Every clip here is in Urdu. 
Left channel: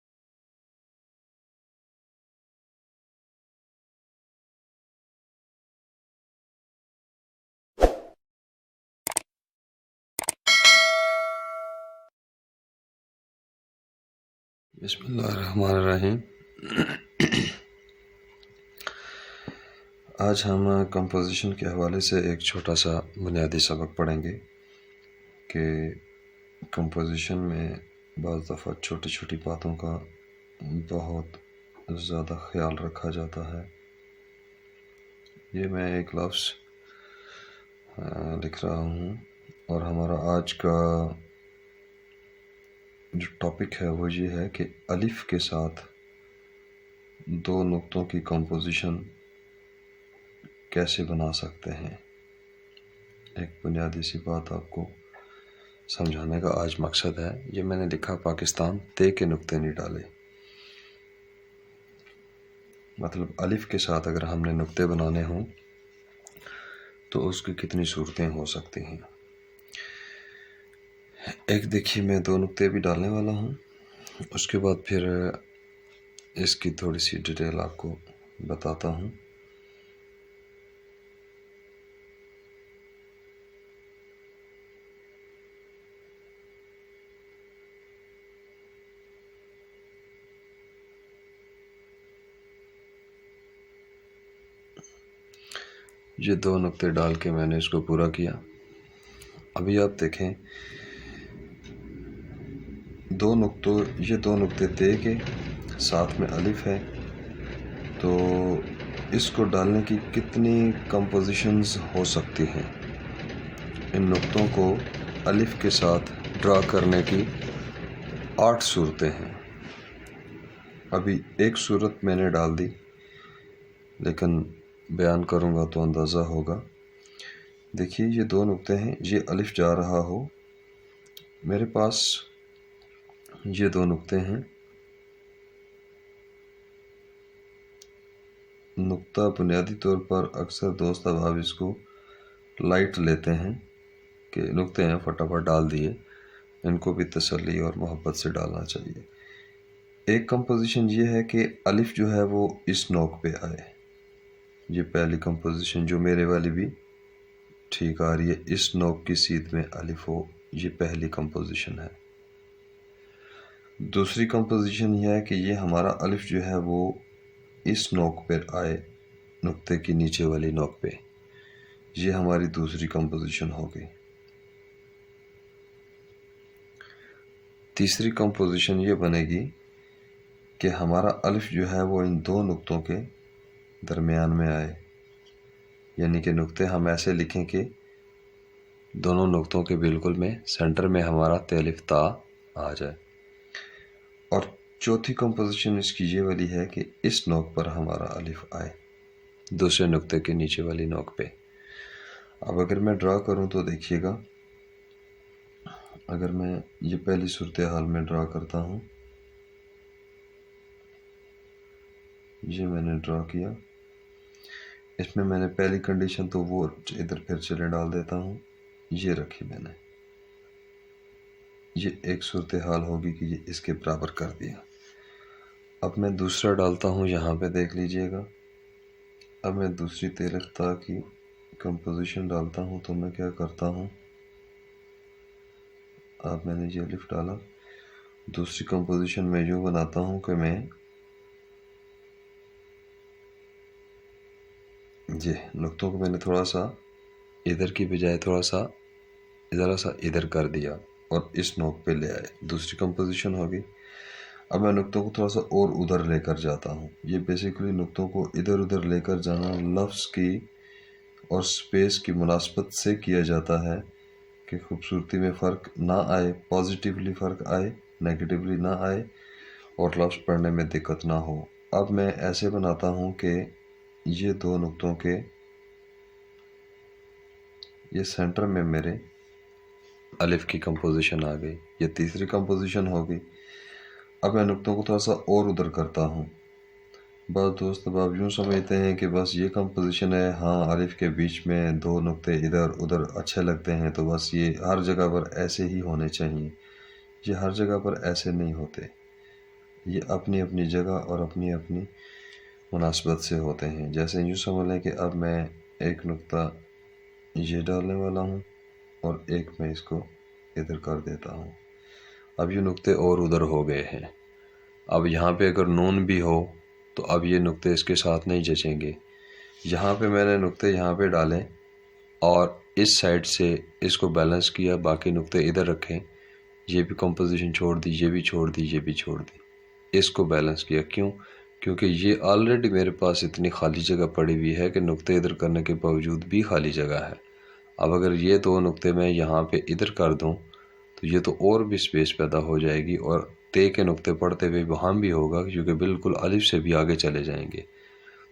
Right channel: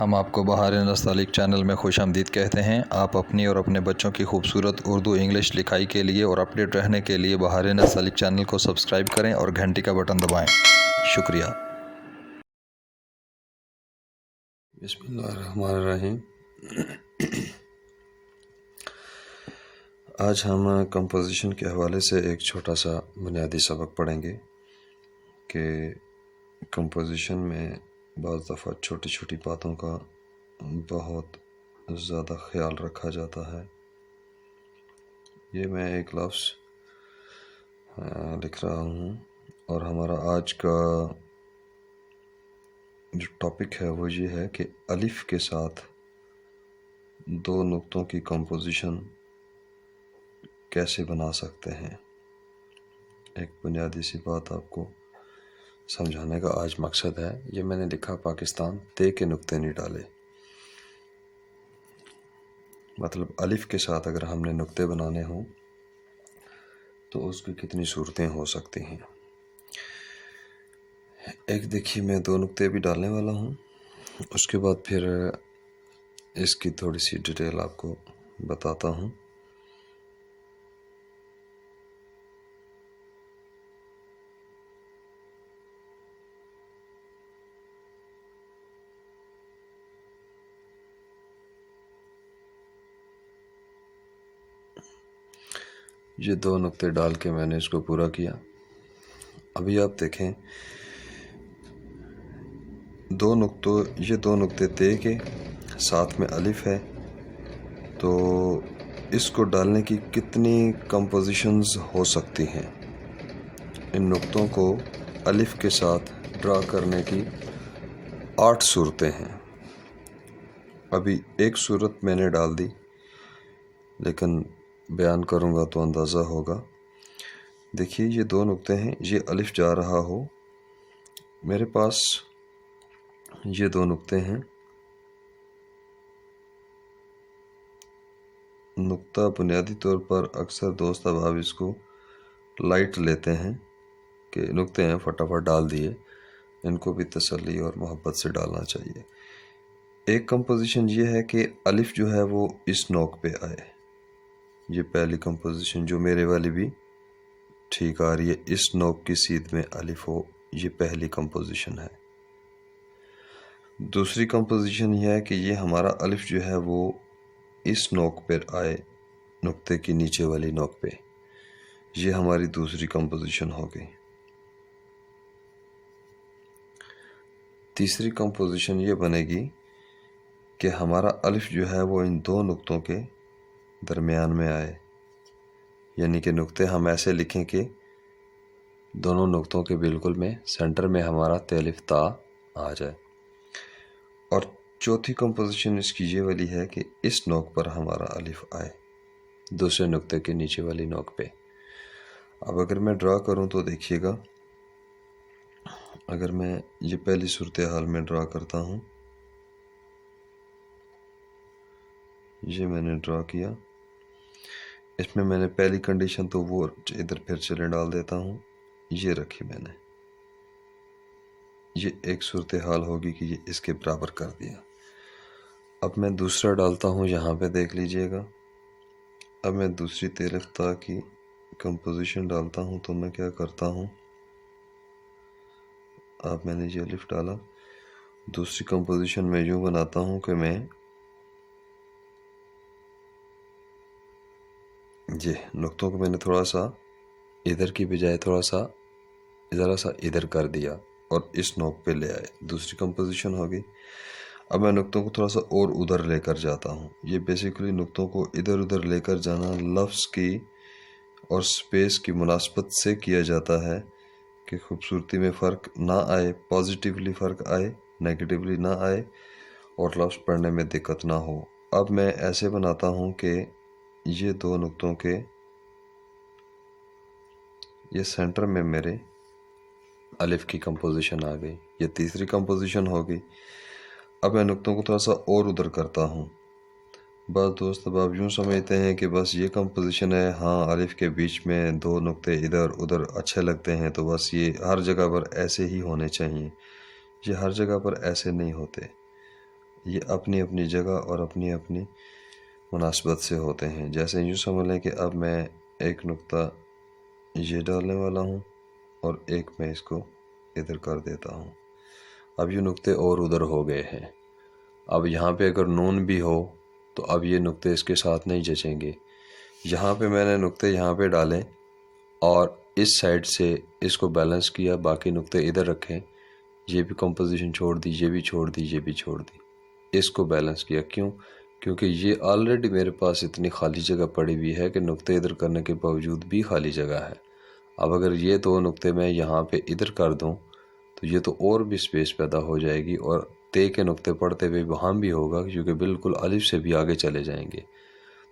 ہم آپ کو بہار نستعلیق چینل میں خوش آمدید کہتے ہیں۔ آپ اپنی اور اپنے بچوں کی خوبصورت اردو انگلش لکھائی کے لیے اور اپڈیٹ رہنے کے لیے بہار نستعلیق چینل کو سبسکرائب کریں اور گھنٹی کا بٹن دبائیں۔ شکریہ۔ بسم اللہ الرحمن الرحیم۔ آج ہم کمپوزیشن کے حوالے سے ایک چھوٹا سا بنیادی سبق پڑھیں گے کہ کمپوزیشن میں بعض دفعہ چھوٹی چھوٹی باتوں کا بہت زیادہ خیال رکھا جاتا ہے۔ یہ میں ایک لفظ لکھ رہا ہوں اور ہمارا آج کا جو ٹاپک ہے وہ یہ ہے کہ الف کے ساتھ دو نقطوں کی کمپوزیشن کیسے بنا سکتے ہیں۔ ایک بنیادی سی بات آپ کو سمجھانے کا آج مقصد ہے۔ یہ میں نے لکھا پاکستان تے کے نقطے نہیں ڈالے، مطلب الف کے ساتھ اگر ہم نے نقطے بنانے ہوں تو اس کی کتنی صورتیں ہو سکتی ہیں۔ ایک دیکھیے میں دو نقطے بھی ڈالنے والا ہوں، اس کے بعد پھر اس کی تھوڑی سی ڈیٹیل آپ کو بتاتا ہوں۔ یہ دو نقطے ڈال کے میں نے اس کو پورا کیا۔ ابھی آپ دیکھیں یہ دو نقطے تے کے ساتھ میں الف ہے، تو اس کو ڈالنے کی کتنی کمپوزیشنز ہو سکتی ہیں۔ ان نقطوں کو الف کے ساتھ ڈرا کرنے کی 8 صورتیں ہیں۔ ابھی ایک صورت میں نے ڈال دی، لیکن بیان کروں گا تو اندازہ ہوگا۔ دیکھیے یہ دو نقطے ہیں، یہ الف جا رہا ہو، میرے پاس یہ دو نقطے ہیں۔ نقطہ بنیادی طور پر اکثر دوست احباب اس کو لائٹ لیتے ہیں کہ نقطے ہیں فٹافٹ ڈال دیے، ان کو بھی تسلی اور محبت سے ڈالنا چاہیے۔ ایک کمپوزیشن یہ ہے کہ الف جو ہے وہ اس نوک پہ آئے۔ یہ پہلی کمپوزیشن جو میرے والی بھی ٹھیک آ رہی ہے، اس نوک کی سیدھ میں الف ہو، یہ پہلی کمپوزیشن ہے۔ دوسری کمپوزیشن یہ ہے کہ یہ ہمارا الف جو ہے وہ اس نوک پر آئے، نقطے کی نیچے والی نوک پہ، یہ ہماری دوسری کمپوزیشن ہو گئی۔ تیسری کمپوزیشن یہ بنے گی کہ ہمارا الف جو ہے وہ ان دو نقطوں کے درمیان میں آئے، یعنی کہ نقطے ہم ایسے لکھیں کہ دونوں نقطوں کے بالکل میں سینٹر میں ہمارا تے الف تا آ جائے۔ اور چوتھی کمپوزیشن اس کی یہ والی ہے کہ اس نوک پر ہمارا الف آئے، دوسرے نقطے کے نیچے والی نوک پہ۔ اب اگر میں ڈرا کروں تو دیکھیے گا، اگر میں یہ پہلی صورتحال میں ڈرا کرتا ہوں، یہ میں نے ڈرا کیا، اس میں میں نے پہلی کنڈیشن تو وہ ادھر پھر چلے ڈال دیتا ہوں، یہ رکھی میں نے، یہ ایک صورتحال ہوگی کہ یہ اس کے برابر کر دیا۔ اب میں دوسرا ڈالتا ہوں، یہاں پہ دیکھ لیجئے گا۔ اب میں دوسری تے الف تا کی کمپوزیشن ڈالتا ہوں تو میں کیا کرتا ہوں، اب میں نے یہ الف ڈالا، دوسری کمپوزیشن میں یوں بناتا ہوں کہ میں یہ نقطوں کو میں نے تھوڑا سا ادھر کی بجائے تھوڑا سا ذرا سا ادھر کر دیا اور اس نوک پہ لے آئے، دوسری کمپوزیشن ہو گئی۔ اب میں نقطوں کو تھوڑا سا اور ادھر لے کر جاتا ہوں۔ یہ بیسیکلی نقطوں کو ادھر ادھر لے کر جانا لفظ کی اور سپیس کی مناسبت سے کیا جاتا ہے کہ خوبصورتی میں فرق نہ آئے، پازیٹیولی فرق آئے، نیگیٹیولی نہ آئے اور لفظ پڑھنے میں دقت نہ ہو۔ اب میں ایسے بناتا ہوں کہ یہ دو نقطوں کے یہ سینٹر میں میرے الف کی کمپوزیشن آ گئی، یہ تیسری کمپوزیشن ہو گئی۔ اب میں نقطوں کو تھوڑا سا اور ادھر کرتا ہوں۔ بعض دوست اب آپ یوں سمجھتے ہیں کہ بس یہ کمپوزیشن ہے، ہاں الف کے بیچ میں دو نقطے ادھر ادھر اچھے لگتے ہیں تو بس یہ ہر جگہ پر ایسے ہی ہونے چاہیے۔ یہ ہر جگہ پر ایسے نہیں ہوتے، یہ اپنی اپنی جگہ اور اپنی اپنی مناسبت سے ہوتے ہیں. جیسے یوں سمجھ لیں کہ اب میں ایک نقطہ یہ ڈالنے والا ہوں اور ایک میں اس کو ادھر کر دیتا ہوں. اب یہ نقطے اور ادھر ہو گئے ہیں. اب یہاں پہ اگر نون بھی ہو تو اب یہ نقطے اس کے ساتھ نہیں جچیں گے. یہاں پہ میں نے نقطے یہاں پہ ڈالے اور اس سائڈ سے اس کو بیلنس کیا, باقی نقطے ادھر رکھے, یہ بھی کمپوزیشن چھوڑ دی, یہ بھی چھوڑ دی, یہ بھی چھوڑ دی, اس کو بیلنس کیا. کیوں؟ کیونکہ یہ آلریڈی میرے پاس اتنی خالی جگہ پڑی ہوئی ہے کہ نقطے ادھر کرنے کے باوجود بھی خالی جگہ ہے. اب اگر یہ دو نقطے میں یہاں پہ ادھر کر دوں تو یہ تو اور بھی سپیس پیدا ہو جائے گی, اور تے کے نقطے پڑھتے ہوئے وہاں بھی ہوگا کیونکہ بالکل الف سے بھی آگے چلے جائیں گے.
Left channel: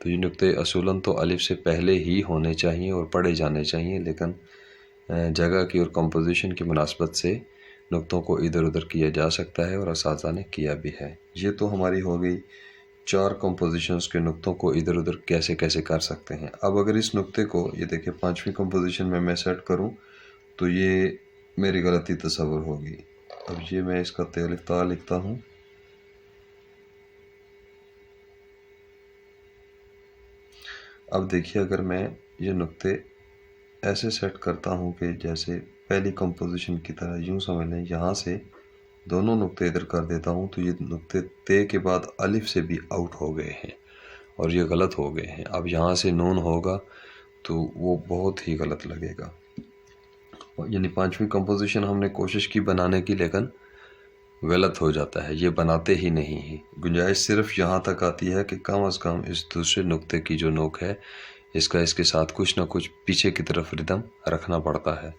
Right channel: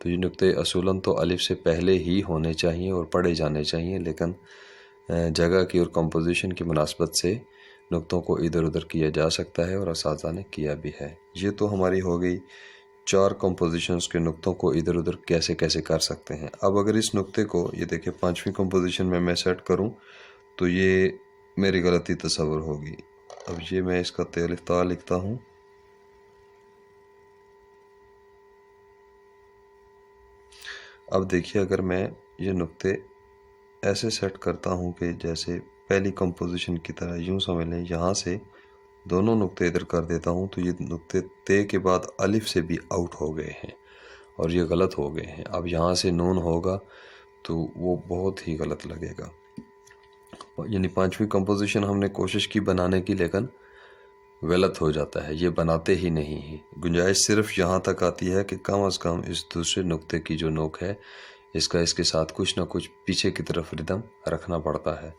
تو یہ نقطے اصولاً تو الف سے پہلے ہی ہونے چاہیے اور پڑھے جانے چاہیے, لیکن جگہ کی اور کمپوزیشن کی مناسبت سے نقطوں کو ادھر ادھر کیا جا سکتا ہے, اور اساتذہ نے کیا بھی ہے. یہ تو ہماری ہو گئی 4 کمپوزیشنز کے نقطوں کو ادھر ادھر کیسے کیسے کر سکتے ہیں. اب اگر اس نقطے کو یہ دیکھیں 5ویں کمپوزیشن میں سیٹ کروں تو یہ میری غلطی تصور ہوگی. اب یہ میں اس کا تے الف تا لکھتا ہوں. اب دیکھیے اگر میں یہ نقطے ایسے سیٹ کرتا ہوں کہ جیسے پہلی کمپوزیشن کی طرح, یوں سمجھ لیں یہاں سے دونوں نقطے ادھر کر دیتا ہوں تو یہ نقطے تے کے بعد الف سے بھی آؤٹ ہو گئے ہیں اور یہ غلط ہو گئے ہیں. اب یہاں سے نون ہوگا تو وہ بہت ہی غلط لگے گا. یعنی 5ویں کمپوزیشن ہم نے کوشش کی بنانے کی, لیکن غلط ہو جاتا ہے, یہ بناتے ہی نہیں ہیں. گنجائش صرف یہاں تک آتی ہے کہ کم از کم اس دوسرے نقطے کی جو نوک ہے اس کا اس کے ساتھ کچھ نہ کچھ پیچھے کی طرف ردم رکھنا پڑتا ہے.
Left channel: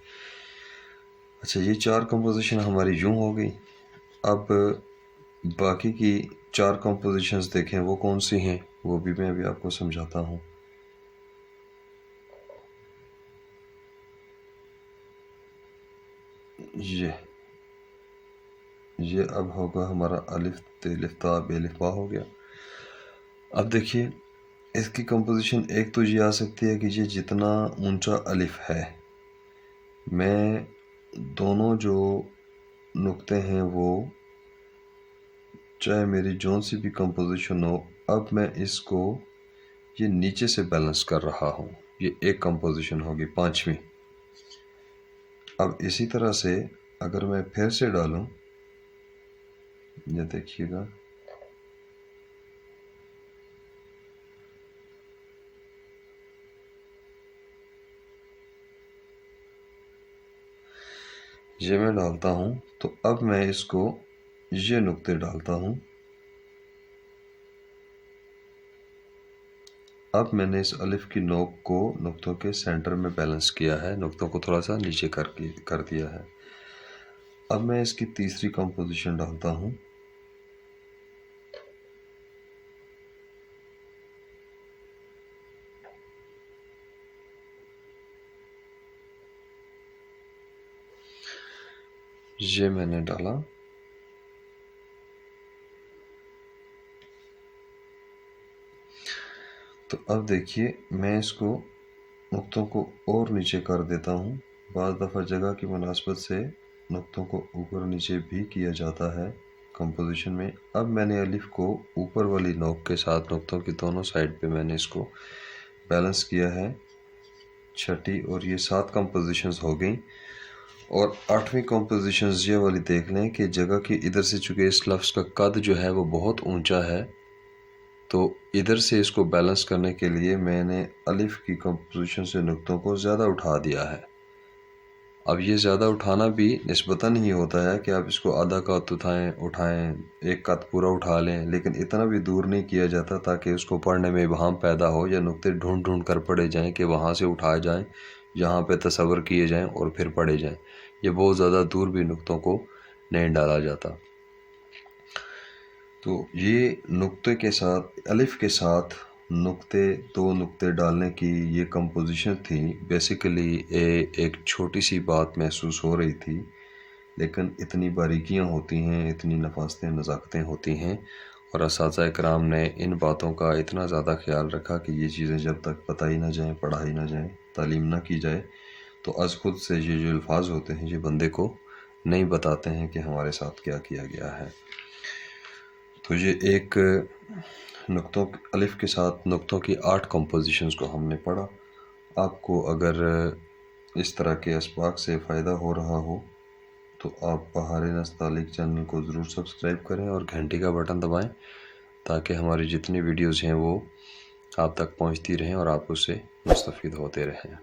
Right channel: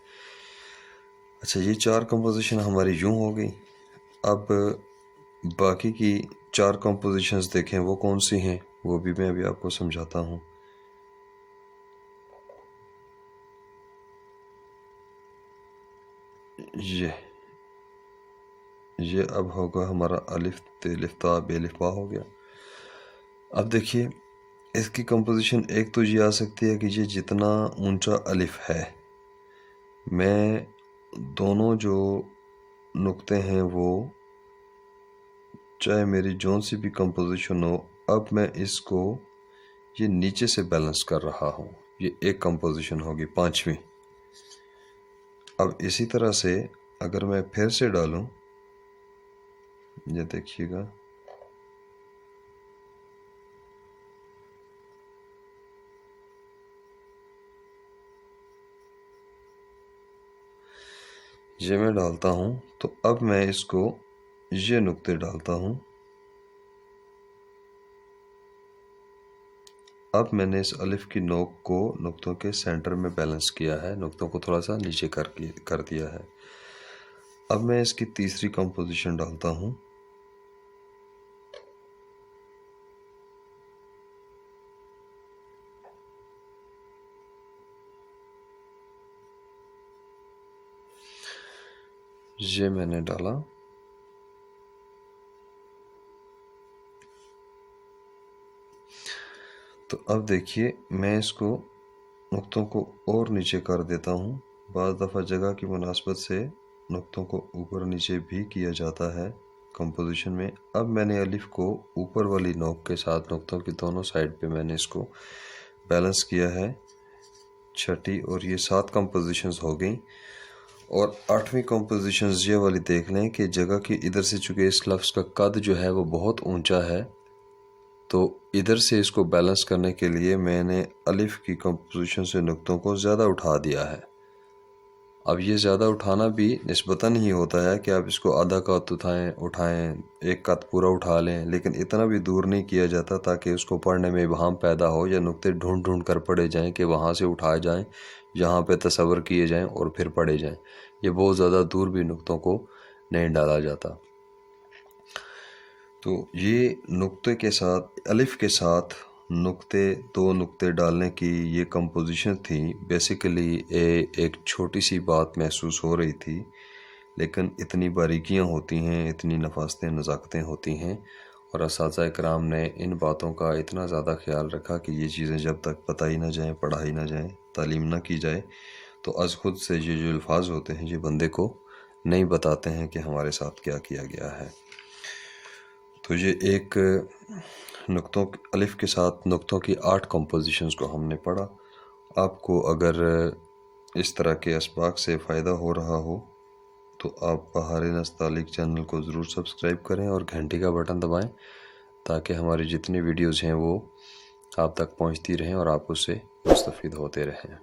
اچھا, یہ 4 کمپوزیشن ہماری یوں ہو گئی. اب باقی کی 4 کمپوزیشنز دیکھیں وہ کون سی ہیں, وہ بھی میں ابھی آپ کو سمجھاتا ہوں. یہ اب ہوگا ہمارا الف تے الف تا بے الف با ہو گیا. اب دیکھیے اس کی کمپوزیشن ایک تو یہ آ سکتی ہے کہ یہ جتنا اونچا الف ہے, میں دونوں جو نقطے ہیں وہ چاہے میری جون سی بھی کمپوزیشن ہو, اب میں اس کو یہ نیچے سے بیلنس کر رہا ہوں. یہ ایک کمپوزیشن ہوگی 5ویں. اب اسی طرح سے اگر میں پھر سے ڈالوں, یہ دیکھیے گا یہ میں ڈالتا ہوں تو اب میں اس کو یہ نقطے ڈالتا ہوں. اب میں نے اس الف کی نوک کو نقطوں کے سینٹر میں بیلنس کیا ہے, نقطوں کو تھوڑا سا نیچے کر دیا ہے. اب میں اس کی تیسری کمپوزیشن ڈالتا ہوں. یہ میں نے ڈالا. تو اب دیکھیے میں اس کو نقطوں کو اور نیچے کر دیتا ہوں. بعض دفعہ جگہ کی مناسبت سے نقطوں کو اوپر نیچے بھی کیا جاتا ہے کمپوزیشن میں. اب میں نے الف کو اوپر والی نوک کے ساتھ نقطوں کی دونوں سائڈ پہ میں نے اس کو بیلنس کیا ہے. 6ٹھی اور یہ 7 کمپوزیشنز ہو گئیں. اور 8ویں کمپوزیشنز یہ والی دیکھ لیں کہ جگہ کی ادھر سے چونکہ اس لفظ کا قد جو ہے وہ بہت اونچا ہے, تو ادھر سے اس کو بیلنس کرنے کے لیے میں نے الف کی کمپوزیشن سے نقطوں کو زیادہ اٹھا دیا ہے. اب یہ زیادہ اٹھانا بھی نسبتاً ہی ہوتا ہے کہ آپ اس کو آدھا قط اٹھائیں, ایک قط پورا اٹھا لیں, لیکن اتنا بھی دور نہیں کیا جاتا تاکہ اس کو پڑھنے میں ابہام پیدا ہو یا نقطے ڈھونڈ ڈھونڈ کر پڑھے جائیں کہ وہاں سے اٹھائے جائیں, یہاں پہ تصور کیے جائیں اور پھر پڑھے جائیں. یہ بہت زیادہ دور بھی نقطوں کو نہیں ڈالا جاتا. تو یہ نقطے کے ساتھ الف کے ساتھ دو نقطے ڈالنے کی یہ کمپوزیشن تھی. بیسیکلی ایک چھوٹی سی بات محسوس ہو رہی تھی, لیکن اتنی باریکیاں ہوتی ہیں, اتنی نفاستیں نزاکتیں ہوتی ہیں, اور اساتذہ اکرام نے ان باتوں کا اتنا زیادہ خیال رکھا کہ یہ چیزیں جب تک بتائی نہ جائیں, پڑھائی نہ جائیں, تعلیم نہ کی جائے, تو از خود سے یہ جو الفاظ ہوتے ہیں یہ بندے کو نہیں بتاتے ہیں کہ ہمارے ساتھ کیا کیا گیا ہے. تو یہ ایک نقطوں الف کے ساتھ نقطوں کی 8 کمپوزیشنز کو ہم نے پڑھا. آپ کو اگر اس طرح کے اسباق سے فائدہ ہو رہا ہو تو آپ بہار نستعلیق چینل کو ضرور سبسکرائب کریں اور گھنٹی کا بٹن دبائیں تاکہ ہماری جتنی ویڈیوز ہیں وہ آپ تک پہنچتی رہیں اور آپ اس سے مستفید ہوتے رہیں.